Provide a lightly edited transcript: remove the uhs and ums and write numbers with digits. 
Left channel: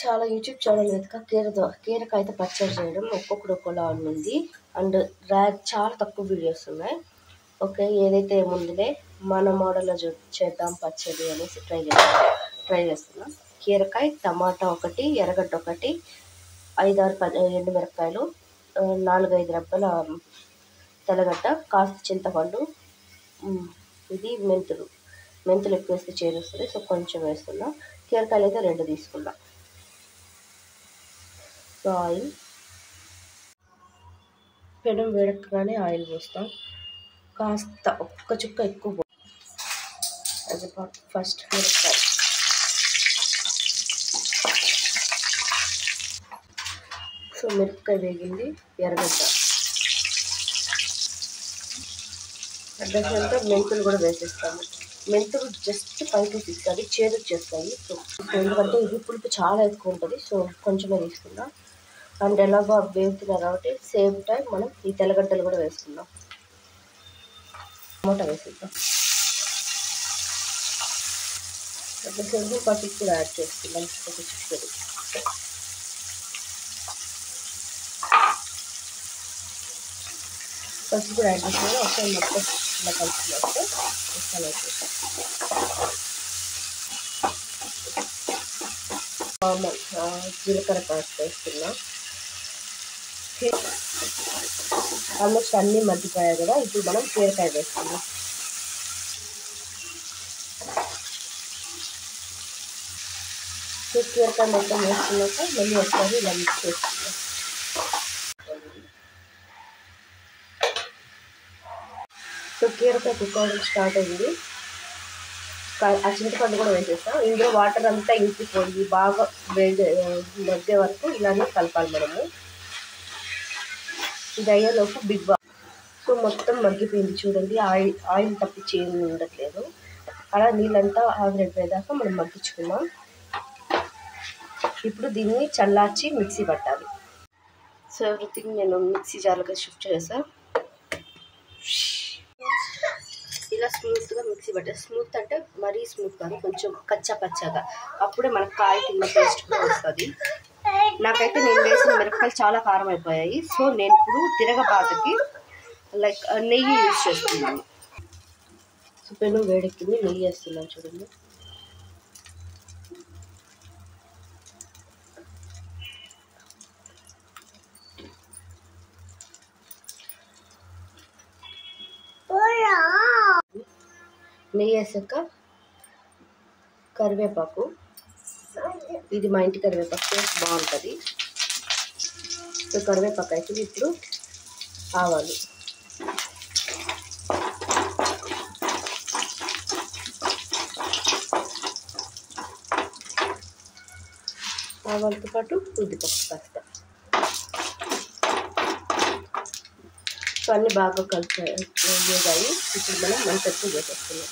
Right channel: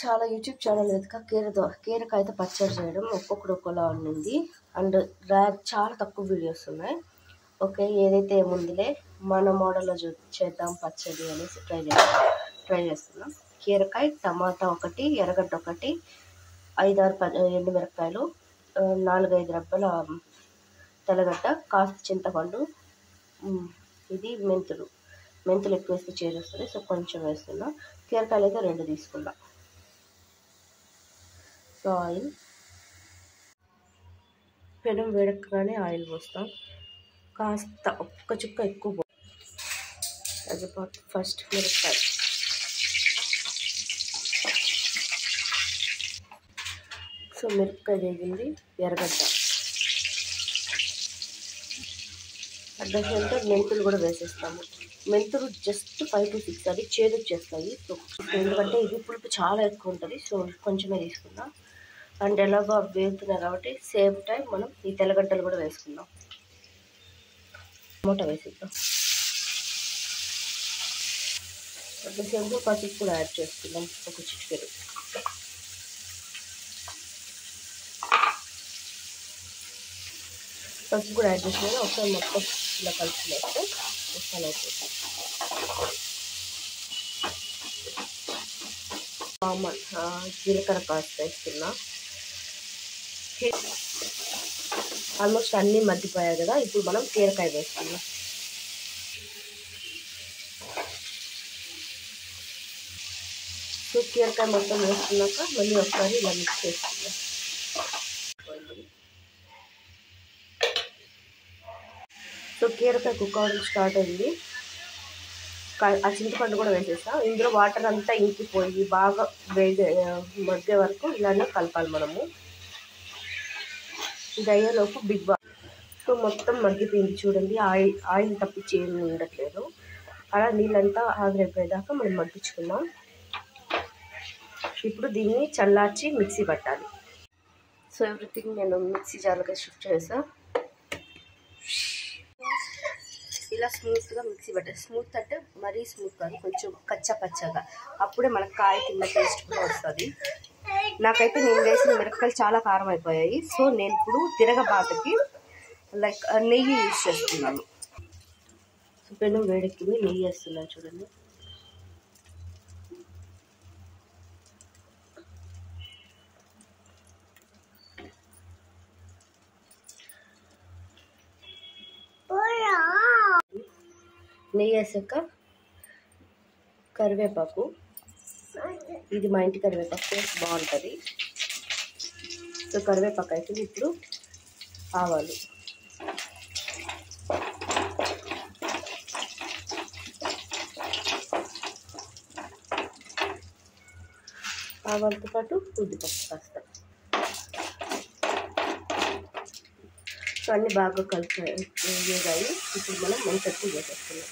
చాలా YouTube channel వెతక కీరకాయతో పచ్చడి చేయడం ఒక్కొక్కరు ఒక్కోలా ఉంది. అండ్ చాలా తక్కువ వీడియోస్ ఉన్నాయి. ఓకే, ఏదైతే ముందులే మన మోడల్లో చేద్దాం పచ్చడి అనేసి ట్రై చేస్తున్నాం. కీరకాయ, టమాటా ఒకటి, ఎర్రగడ్డ ఒకటి, 5-6 ఎండుమిరపకాయలు, 4-5 రెబ్బల తెల్లగడ్డ, కాస్త చింతపండు, ఇది మెంతులు ఎక్కువ వేస్తే చేరుస్తుంది, సో కొంచెం వేస్తున్నా. కీరకాయలు అయితే 2 తీసుకున్నా. సో ఆయిల్ పెనం వేడెక్కగానే ఆయిల్ పోస్తాం. కాస్త ఒక్క చుక్క ఎక్కువ ఫస్ట్ మిరపకాయ, సో మిరపకాయ వేగింది. ఎర్రగడ్డ, అడ్డంగా మెంతులు కూడా వేసేస్తాము. మెంతులు జస్ట్ 5 to 6 అది చేదు చేస్తాయి. సో ఎందుకంటే ఇది పులుపు చాలా ఎక్కువ ఉంటుంది, సో కొంచెమే తీసుకుందాం. అండ్ ఎలాగో వేగుతున్నాయి కాబట్టి సేమ్ టైం మనం ఈ తెల్లగడ్డలు కూడా వేసుకుందాం. టమాటా వేసేద్దాం. సేపు పసుపు కూడా యాడ్ చేసుకుందాం, ఒక చిటికెడు. పసుపు కూడా యాడ్ చేసుకుని ఒకసారి మొత్తం ఇలా కలుపుకున్నాక మసాలా జీలకర్ర కాస్త వేస్తున్నా. ఆల్మోస్ట్ అన్నీ మగ్గిపోయాయి కదా, ఇప్పుడు మనం కీరకాయ వేసుకుందాం. కీరకాయ మొత్తం వేసుకున్నాక మళ్ళీ ఒకసారి ఇలా మిక్స్ చేసుకుందాం. సో కీరకాయ కుక్ అవ్వడం స్టార్ట్ అయింది. ఆ చింతపండు కూడా వేసేస్తాం. ఇందులో వాటర్ అంతా ఇంకిపోయి బాగా మగ్గే వరకు ఇలానే కలపాలి మనము. ఇది అయ్యేలోపు సో మొత్తం మగ్గిపోయింది చూడండి. ఆయిల్ తప్పించి ఏమి ఉండట్లేదు. అలా నీళ్ళంతా ఆవిరైపోయేదాకా మనం మగ్గించుకుందాం. ఇప్పుడు దీన్ని చల్లార్చి మిక్సీ పట్టాలి. సో ఎవ్రీథింగ్ నేను మిక్సీ జార్లోకి షిఫ్ట్ చేసా. ఇలా స్మూత్గా మిక్సీ పట్టాలి. స్మూత్ అంటే మరీ స్మూత్ కాదు, కొంచెం కచ్చా పచ్చగా. అప్పుడే మనకు కాయ కింద టేస్ట్ కూడా వస్తుంది. నాకైతే నేను వేసిన మిరపకాయలు చాలా కారం అయిపోయాయి. సో నేను ఇప్పుడు తిరగబాటుకి నెయ్యి యూజ్ చేస్తున్నాను. సో పెనం వేడెక్కింది, నెయ్యి వేస్తున్నాను చూడండి. నెయ్యి వేసాక కరివేపాకు, ఇది మా ఇంటి కరివేపాకు, టేస్ట్ బాగుంటుంది. సో కరివేపాకు అయితే ఇప్పుడు ఆవాలు, ఆవాలతో పాటు ఉద్దిపప్పు కాస్త. సో అన్నీ బాగా కలిపి వేగాయి. ఇప్పుడు మనం మంట ఎక్కువ చేసేస్తున్నాం.